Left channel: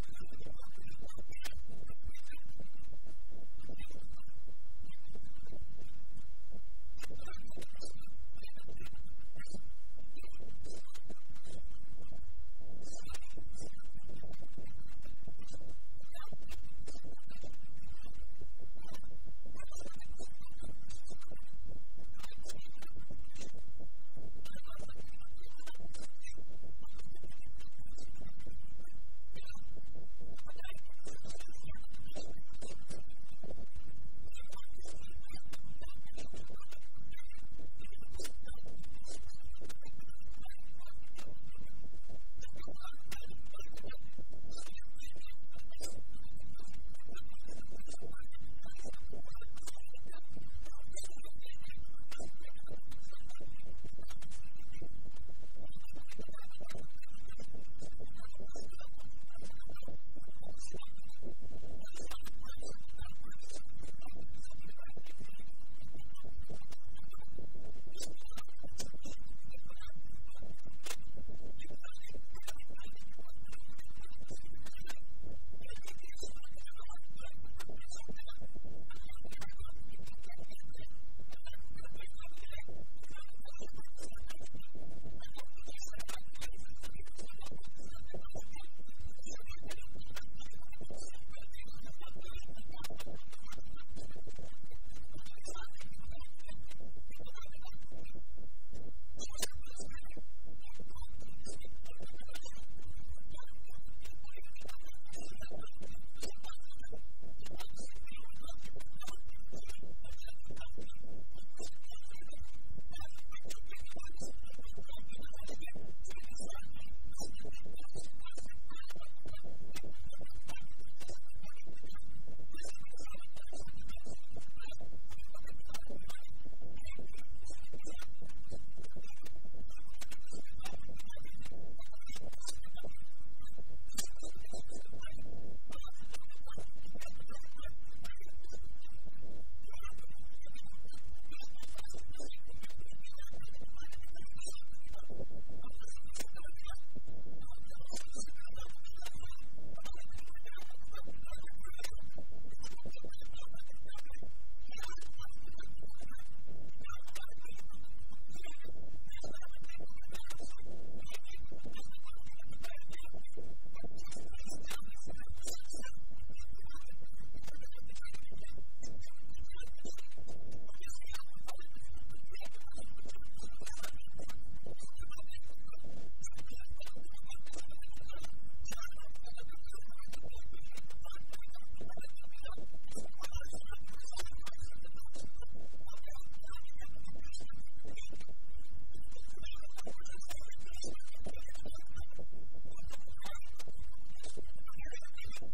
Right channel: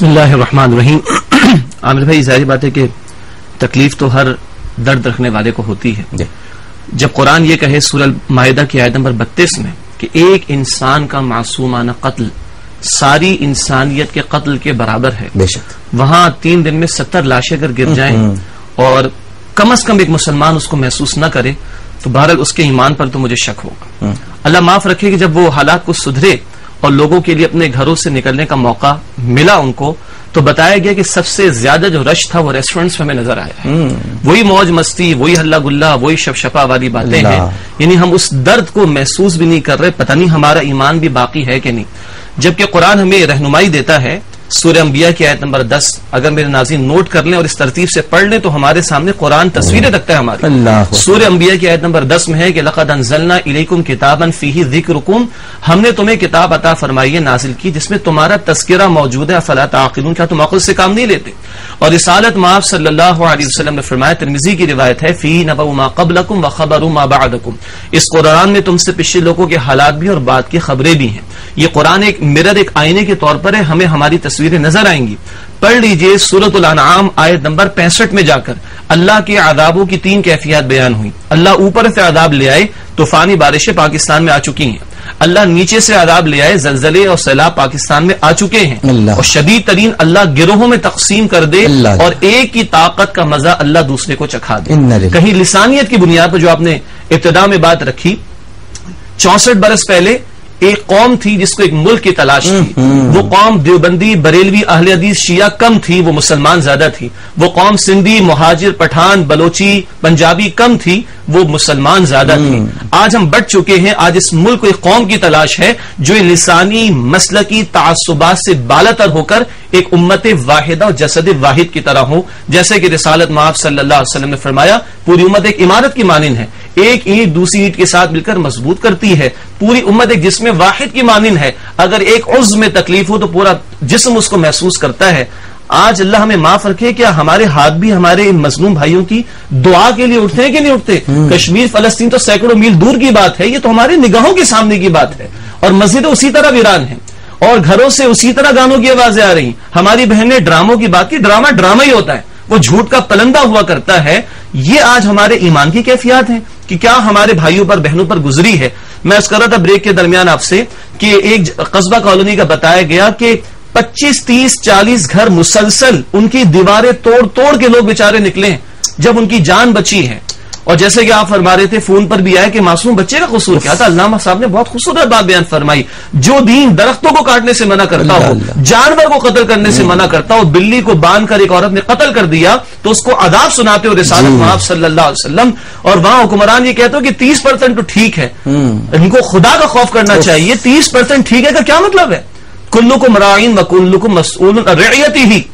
بسم اللہ الرحمن الرحیم۔ عامر بھائی، ظاہر بات ہے کہ تکلیف تو ہر درد رکھنے والے کو ہوتی ہے۔ جب قرآن یہ کہے سورہ مائدہ کی آیت نمبر 32 میں کہ ایک انسان کا معصومانہ قتل ساری انسانیت کے قتل کے برابر ہے، بے شک وہاں 3 دن میں 70 لاشیں اگر گر جائیں اور کم از کم ایک مسلمان اس کو محسوس نہ کرے تو بہرحال اس کے ایمان پر تو مجھے شک ہوگا۔ اللہ معاف رکھے کہ جب وہ حالات کو سدھرے اور لوگوں کے لیے اپنے گھروں سے نکلنے کا موقع ملا ان کو، تو بتایا گیا کہ سب سے زیادہ جو رش تھا وہ ریسٹورنٹس میں ہمیں نظر آیا ہے۔ وہی موج مستی، وہی ہلا گلا، وہی شپ شپا والی باتیں ہیں، یعنی ہم اس درد کو محسوس بھی نہیں کر رہے، پتہ نہیں ہمارا ایمان بھی باقی ہے کہ نہیں۔ جبکہ قرآن ہمیں رہنمائی دیتا ہے، سورہ انبیاء کی آیت نمبر 10 اگر میرے ناظرین نوٹ کر لیں اور اس ترتیب سے پڑھ لیں تو ہمارے سامنے قرآن تصویریں رکھتا ہے ہماری۔ سورہ انبیاء کی آیت نمبر 10 میں ہے کہ لقد انزلنا الیکم کتابا فیہ ذکرکم، ہم نے تمہیں کتاب عطا فرمائی ہے، نازل کی، جس میں تمہارا تذکرہ موجود ہے، افلا تعقلون، کیا تم عقل سے کام نہیں لیتے؟ اور رسالت مآب صلی اللہ علیہ وسلم نے فرمایا، ترمذی کی روایت ہے، فیہ نبأ ما قبلکم وخبر ما بعدکم، اس قرآن میں تم سے پچھلے لوگوں کے حالات بھی اور بعد کی خبریں بھی ہیں۔ یہ قرآن ایک مرر، ایک آئینے کے طور پر ہے، ہمیں ہماری تصویریں نظر آئیں گی۔ پڑھ لیجئے سورۃ الانعام آیت نمبر 65 میں جا کر اللہ کے عذابوں کی 3 کیفیات بیان ہوئی۔ اللہ اوپر سے عذاب لے آئے، طوفانی بارشیں پاکستان میں آ چکی ہیں۔ اللہ نیچے سے عذاب لے آئے، زلزلے اور سیلاب پاکستان میں آ چکے ہیں، اور شدید ترین اللہ گروہوں میں تقسیم کر دے اور ایک کی طاقت کا مزہ اللہ دوسرے کو چکھا دے۔ کہیں لسانیت کی بنیاد پر جو آپ نے ابتدا میں بات رکھی، 64 برس پہلے ایک قوم تھی جس کو ایک ملک کی تلاش تھی، وہ قوم دیوبندی، بریلوی، اہل حدیث، شیعہ کم تھی، وہ مسلمان زیادہ تھی۔ وہ قوم سندھی، مہاجر، پٹھان، بلوچی، پنجابی کم تھی، وہ مسلمان زیادہ تھی۔ آج ہم بڑھ چکے ہیں، آج اس ملک کو ایک قوم کی تلاش ہے جو لسانی مسلکی تعصبات سے بالاتر ہو کر ایک امت واحدہ اور جسد واحد کی طرح ہو، جیسے کہ رسالت مآب صلی اللہ علیہ وسلم نے فرمایا، پوری امت ایک عمارت کی مانند ہے، ایک اینٹ دوسری اینٹ کے ساتھ مل کر مضبوط کرتی ہے۔ پوری امت ایک جسم واحد کی مانند ہے، اگر ایک عضو میں تکلیف ہو تو پورا جسم اس کو محسوس کرتا ہے۔ آج اللہ ہمیں معاف رکھے، کیا ہمارے ہاتھ بھی ہمارے ان مظلوم بھائیوں کی دعا کے لیے اٹھتے ہیں کہ نہیں اٹھتے؟ کشمیر، فلسطین تو سینکڑوں میل دور کی بات ہے، یہ تو ہماری نگاہوں کے سامنے کی بات ہے، اور مسجدیں اسی طرح ویران ہیں اور گھروں سے اسی طرح گانوں کی آوازیں آ رہی۔ ہماری بہن نے ڈراموں کی بات کی، ڈرامہ ہی ہوتا ہے، وہ جھوٹ کا پلندہ ہوا کرتا ہے۔ یہ آج ہمارے ایمان کی کیفیات ہیں کہ کیا ہمارے بھائیوں پر بہنوں پر گزری ہے۔ میں اس کر رہا تھا بریک کے درمیان آپ سے کہ ایک قصبہ کالونی کا بتایا گیا کہ 25، 30، 40 گھر مسلسل ان کی دیواریں توڑ کے لوگ بیچارے نکلے ہیں جب ان کی جان بچی ہے۔ اور جیسے کہ آپ فرما رہے تھے، فون پر بھی آیا کہ معصوم بچے کا قصور کیا تھا۔ علامہ صاحب نے بہت خوبصورت بات بیان فرمائی، جو دین درختوں کو کاٹنے سے منع کرتا ہو، جانور کو قتل کرنے سے منع کرتا ہو، بلی کو باندھ کر ایک عورت نے قتل کر دیا تو اس کو عذاب سناتے ہو رسالت مآب صلی اللہ علیہ وسلم، اور وہاں حکمران یہ کہتے ہو کہ 30% تو ٹھیک ہے، ان کو خدا کا خوف کرنا چاہیے۔ 30% ٹھیک ہے کا کیا مطلب ہے؟ کلکم راعین وکلکم مسئول عن رعیتہ،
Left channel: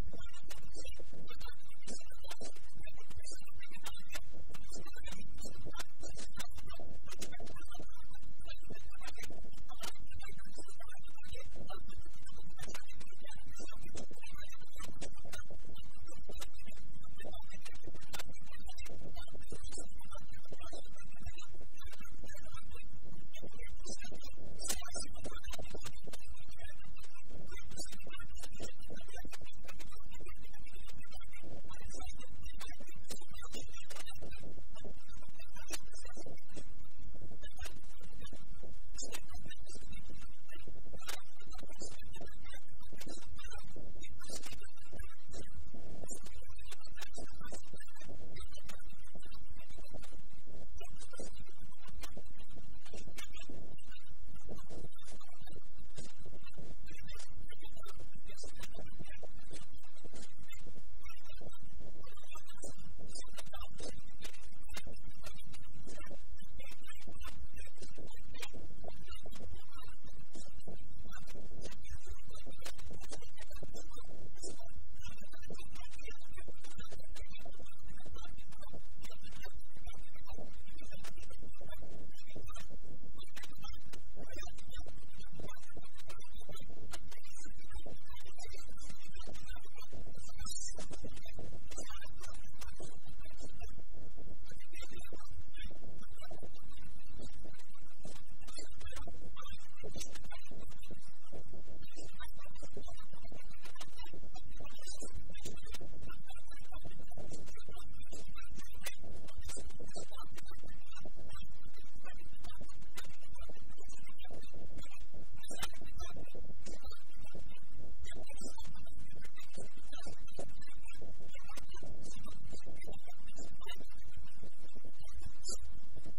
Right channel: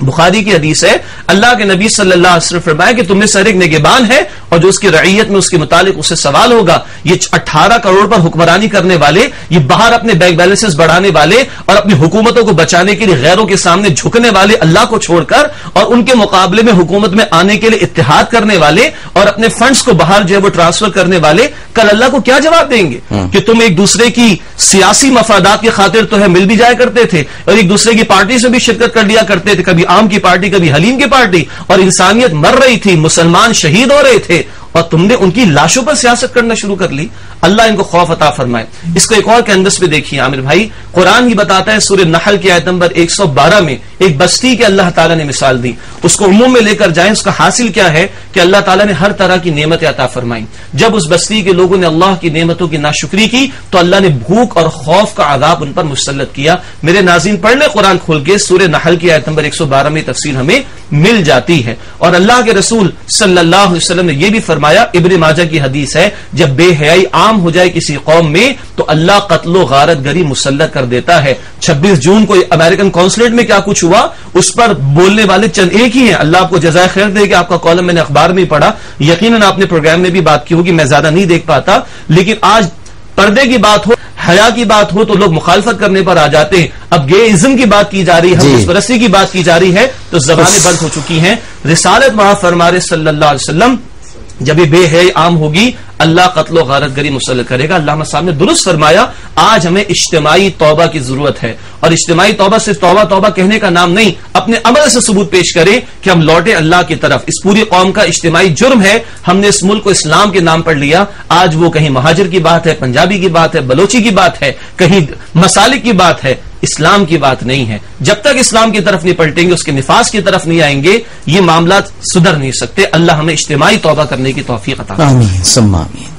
بخاری کی حدیث ہے، اللہ کے نبی صلی اللہ علیہ وسلم فرمایا کہ تم میں سے ایک نگہبان ہے اور جو اس کی رعیت میں اس کے متعلق اس سے سوال ہوگا۔ یہ 18 کروڑ پر حکمرانی کرنے والے، یہ باہر اپنے بینک بیلنسز بڑھانے والے اور اپنی حکومتوں کو بچانے کے لیے غیروں کے سامنے جھکنے والے، اللہ کو چھوڑ کر، اور ان کے مقابلے میں حکومت میں آنے کے لیے اتحاد کرنے والے اور اپنے فنڈز کو باہر جو ہے وہ ٹرانسفر کرنے والے، کل اللہ کو کیا جواب دیں گے کہ تم ایک دوسرے کی سیاسی مفادات کی خاطر تو ہے مل بھی جایا کرتے تھے اور ایک دوسرے کی پارٹی سے بھی شرکت کر لیا کرتے تھے، کبھی عام کی پارٹی، کبھی حلیم کی پارٹی، اور انسانیت مر رہی تھی، مسلمان شہید ہو رہے تھے، اور تم نے ان کی لاشوں پر سیاست کرنا شروع کر لی۔ اللہ ان کو خوف عطا فرمائے۔ اس کو ایک اور کینوس پہ دیکھیے عامر بھائی، قرآن یہ بتاتا ہے سورہ نحل کی آیت نمبر 112 میں ایک بستی کے اللہ تعالیٰ نے مثال دی، اس کو عموم میں لے کر جائیں، اس کا حاصل کیا ہے کہ اللہ تعالیٰ نے ہر طرح کی نعمتیں عطا فرمائیں۔ جب اس بستی کے لوگوں نے اللہ کی نعمتوں کی ناشکری کی تو اللہ نے بھوک اور خوف کا عذاب ان پر مسلط کیا۔ میرے ناظرین پڑھ لیں قرآن کھول کے، سورہ نحل کی آیت نمبر 112 میں تفصیل ہمیں مل جاتی ہے۔ اور اللہ کے رسول صلی اللہ علیہ وسلم نے یہ بھی فرمایا، ابن ماجہ کی حدیث ہے، جب بے حیائی عام ہو جائے کسی قوم میں تو اللہ قتل و غارت گری مسلط کر دیتا ہے۔ 26 جون کو امریکن کونسلیٹ میں کیا کچھ ہوا، اس پر بولنے والے چند ایک ہی ہیں۔ اللہ آپ کو جزائے خیر دے کہ آپ کا کالم میں نے اخبار میں پڑھا، یقیناً آپ نے پروگرام میں بھی بات کی ہوگی، میں زیادہ نہیں دیکھ پاتا، لیکن آج پردے کی بات ہو، حیا کی بات ہو تو لوگ مخالفت کرنے پر آ جاتے ہیں۔ اب گے ازم کی بات کی جا رہی ہے، حدیث پرستی کی بات کی جا رہی ہے تو زبانیں بند ہو چکی ہیں۔ رسالت مآب فرما رہے صلی اللہ علیہ وسلم، جب یہ بے حیائی عام ہوگی اللہ قتل و غارت گری مسلط کرے گا. علامہ صاحب نے درست فرمایا, آج ہمیں اجتماعی توبہ کی ضرورت ہے, اور اجتماعی توبہ صرف توبہ توبہ کہنے کا نام نہیں, اپنے عمل سے ثبوت پیش کرے کہ ہم لوٹے اللہ کی طرف. اس پوری قوم کا اجتماعی جرم ہے, ہم نے اس ملک کو اسلام کے نام پر لیا. آج وہ کہیں مہاجر کی بات ہے, پنجابی کی بات ہے, بلوچی کی بات ہے, کہیں مسالک کی بات ہے, اسلام کی بات نہیں ہے. جب تک اسلام کی طرف نہیں پلٹیں گے, اس کے نفاذ کی طرف نہیں آئیں گے, یہ معاملات سدھر نہیں سکتے. اللہ ہمیں اجتماعی توبہ کرنے کی توفیق عطا فرمائے. آمین ثم آمین.